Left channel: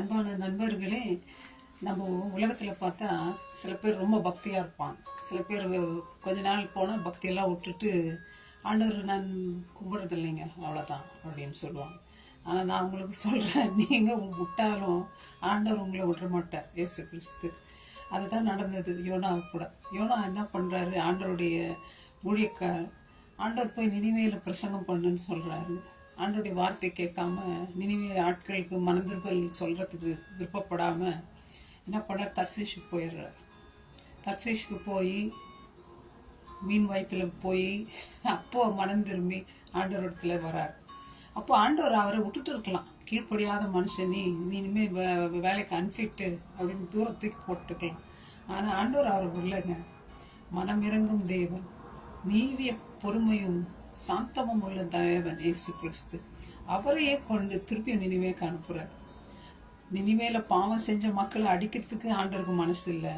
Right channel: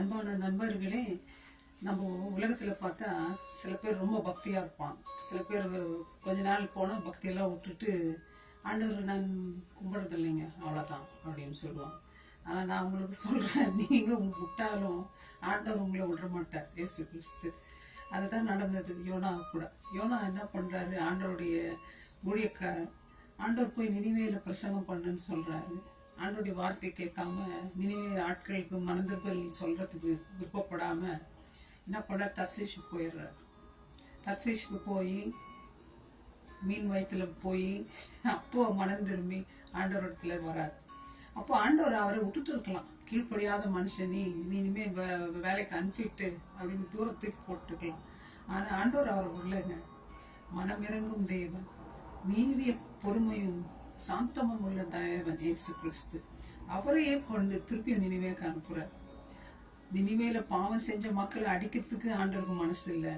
அன்பான நண்பர்களே, நம்ம உலகத்தில் பார்த்தா சில பேர் ரொம்ப பக்தியாக இருப்பாங்க. சில பேர் கொஞ்ச நாள் போனால் பக்தியெல்லாம் விட்டுட்டு ஆண்டவர் நான் கும்பிட்றது இல்லைங்க அவ்வளோதான் அப்படின்னு சொல்லுவாங்க. ஆனால் நான் உங்களுக்கு சொல்கிறேன், நீங்கள் விட்டாலும் ஆண்டவர் உங்களை விட மாட்டார். இயேசு கிறிஸ்து அதை தான் நடந்தது யோனாவுக்கு கூட. யோனா என்ன பண்ணுறாரு, ஆண்டவருடைய ஊழியக்கார் ஆண்டவர் போய் நினிவேயில் பிரசங்கம் பண்ணுன்னு சொல்கிறாரு. ஆண்டோடைய வார்த்தை கேட்காம நினிவே ஆட்களுக்கு மனந்திருப்பல் சொல்கிறதுக்கு விருப்பப்படாமல் என்ன பண்ணார், தர்சீஷுக்கு போயிடுறார். தர்சீஷுக்கு போய் மீன் வயிற்றுல போய் அப்போ மனம் திரும்பி ஆண்டவரிடத்துல வரார். அப்போ ஆண்டவர் அவரை விட்டுட்டு இருக்கலாம், கீழ்ப்படியாத மனுஷன் நீ இனிமேல் வேலைக்கு அன்ஃபிட்டு அப்படின்னு தூரத்துக்கு போட்டுக்கலாம். ஆனால் ஆண்டவர் அவரை விடலைங்க. மனம் இறங்கும் தேவன், நீடிய பொறுமையும் சாந்தமும் உள்ள தேவன் இயேசு கிறிஸ்து அவரையே கொண்டு திருப்பியும் நினிவேக்கு அனுப்புறார். நினிவேல பாவம் செஞ்ச மக்களை அடிக்கிறதுக்கு ஆண்டவருக்கு மனசு இல்லை.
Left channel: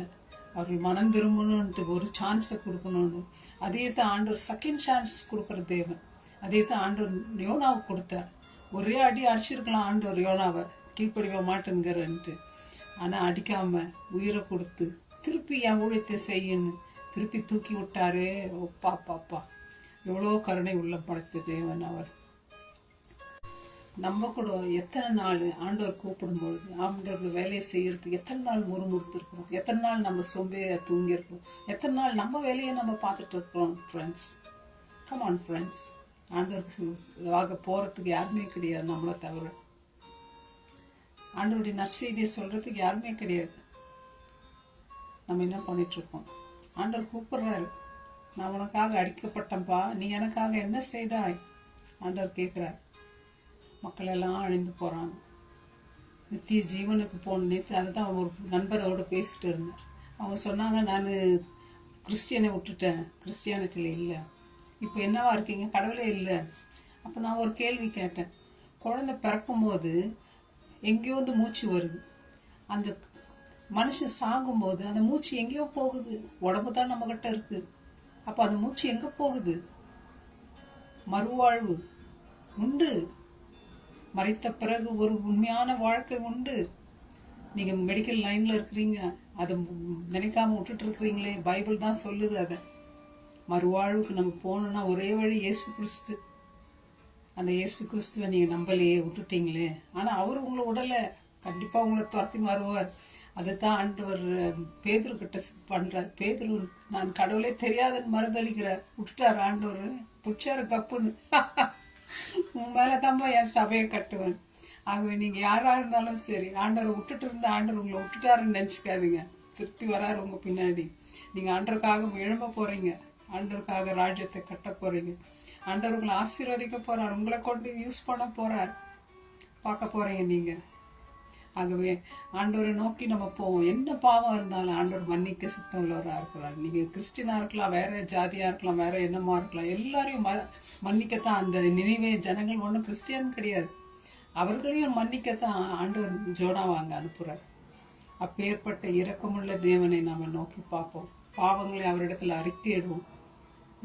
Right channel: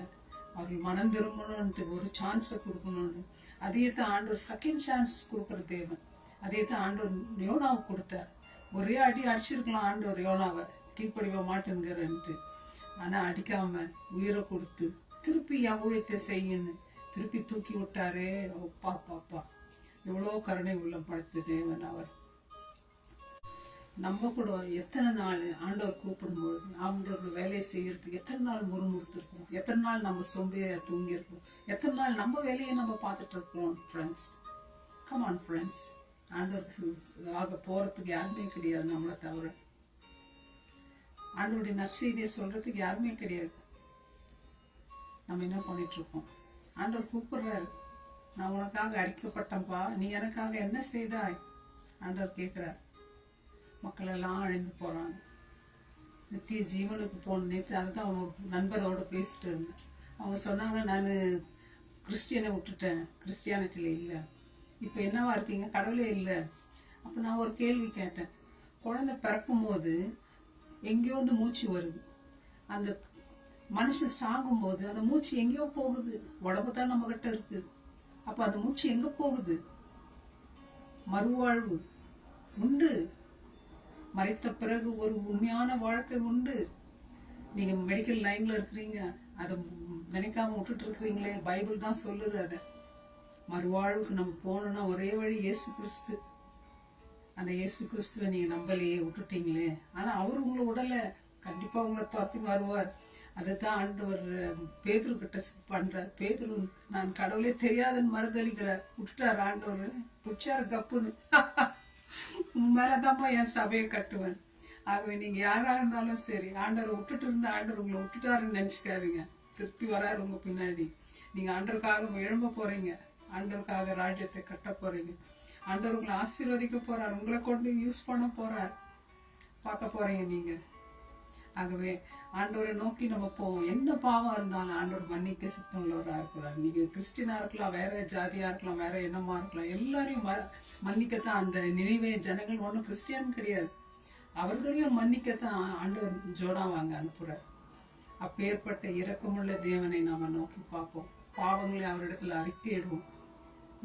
அவர்கள் மனம் திரும்பணுன்ட்டு ஒரு சான்ஸ் கொடுக்கணும்னு அதே தான் ஆண்டவர் செகண்ட் சான்ஸ் கொடுக்குற தேவன். அதே தான் ஆண்டவர் யோனாவுக்கு கொடுத்தார். ஒரே அடி அடிச்சிருக்கலாம் ஆண்டவர் யோனாவை, கீழ்ப்படிவ மாட்டேங்கிறன்ட்டு. ஆனால் அடிக்காம உயிரை கொடுத்து திருப்பி என் ஊழியத்தை செய்யன்னு திருப்பி தூக்கி விட்டாரே. ஒப்பா பாப்பா, எவ்வளோ கருணை உள்ளம் படைத்த தேவன் அவர். நம்ம கூட எத்தனை நாள் ஆண்டவர் கூப்பிடும்பொழுது ஆண்டவர் வேலையை செய்யறதுக்கு எத்தனை நாள் முறுமுறுத்துருக்குறோம், எத்தனை நாள் நம்ம சோம்பேறியா தூங்கியிருக்கிறோம், எத்தனை நாள் நம்ம வேலையை நம்ம பார்த்துட்டு இருக்கிறோம். ஃப்ரெண்ட்ஸ், கம் ஆன் ஃப்ரெண்ட்ஸ், ஆண்டவருக்கு ஆக போகிறதுக்கு யாருமே கிடையாது நம்மளை தவிர. ஆண்டவருடைய நற்செய்தியை சொல்கிறதுக்கு யாருமே கிடையாது. நம்ம என்ன பண்ணிகிட்ருக்கோம்? ஆண்டவர் கூப்பிட்றாரு, நான் உனக்காக அடிக்கப்பட்டேன்ப்பா, நீ எனக்காக என்ன செய்தாய் ஆண்டவர் கேட்குறார். மக்கள் எல்லாம் அழிந்து போகிறாங்க, நித்திய ஜீவனுக்கு போன நேற்று அதை தான் ஒரு நண்பரோடு பேசிட்டு இருந்தேன். அவங்க சொன்னாங்க, நான் கிறிஸ்டியனை விட்டுட்டேன், கிறிஸ்டியானிட்டியில் இல்லை, இப்போ என்னவா இருக்கீங்க, கடவுளே இல்லை. அப்போ நான் ஒரு கேள்வி கேட்டேன். குழந்தை பிறக்கும்போது எங்கேயோ வந்து மூச்சு வருது, அந்த மனுஷன் சாகும்போது அந்த மூச்சு எங்கேயோ போகுது, உடம்பு தான் நம்மகிட்ட இருக்கு. அப்போ அந்த மூச்சு எங்கே போகுது? மறுவாழ்வு உண்டு, மறித்த பிறகு ஒரு உண்மையான வாழ்க்கை உண்டு. நீங்கள் மெடிக்கல் லைனில் இருக்கிறீங்க, அதை நினைக்காம விட்டுட்டு இருக்கிறீங்களே, பைபிள் தான் சொல்லுது. அதை மறுவாழ்வுக்கு நம்ம போனோம்னா ஒரே வழி இயேசு கிறிஸ்து. அந்த இயேசு கிறிஸ்துவை நீங்கள் நம்பலையே, விட்டுட்டீங்களே. ஆனால் அவர் உங்களை விடலை, கண்டிப்பாக உங்களை துரத்தி வருவார். அதுதான் ஆண்டவர் பேதுரு கிட்ட பண்ணுறார். பேதுரு நான் கடவுளே தெரியாதுன்னு மறுதளிக்கிறார், விட்டுட்டார் ஆண்டவர், பிடிச்சாரு கப்புன்னு. உன் மேலே தான்ப்பா என் சபையை கட்டுவேன். ஆகவே நீங்கள் யாராக இருந்தாலும் சரி, ஆண்டவரை விட்டுட்டு இருந்த ஆண்டவர் உங்களை விட்டுட்டாருன்னு நினச்சிக்காதீங்க. திருப்பி வராரு உங்கள் பின்னாடி. நீங்கள் ஆண்டவருக்காக எழும்ப போகிறீங்க, ஆண்டவருக்காக ராஜ்யத்தை கட்ட போகிறீங்க. ஆண்டவர் உங்களை ஆசீர்வதிக்க போகிறார், உங்களை கொண்டு யூஸ் பண்ண போகிறார், பார்க்க போகிறீங்க நீங்கள். ஆகவே ஆண்டவரை நோக்கி நம்ம போவோம். என்ன பாவம் இருந்தாலும் ஆண்டவர் மன்னிக்க சித்தம் உள்ளவராக இருக்கிறார். நீங்கள் கிறிஸ்டினாக இருக்கலாம், வேற ஜாதியாக இருக்கலாம், வேற என்னமா இருக்கலாம், எல்லாரையும் மன்னிக்கத்தான். அந்த நினைவே ஜனங்கள் ஒன்றும் கிறிஸ்டியன் கிடையாது, அவர்களையும் மன்னிக்கத்தான் ஆண்டவர் ஜோனாவாங்க அனுப்புகிறார். அப்பேற்பட்ட இரக்கமுள்ள தேவனை நம்ம நோக்கி பார்ப்போம், பாவங்களை அவரிடத்துல அறிக்கையிடுவோம்.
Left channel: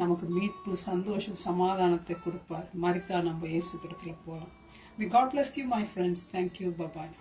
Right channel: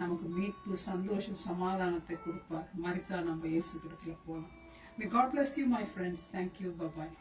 நமக்கு மீட்பு, சந்தோஷம், சமாதானத்தை கொடுப்பார். மறித்தா நம்ம இயேசு கிடத்துல போகலாம். God bless you, my friends. Thank you. Bye-bye.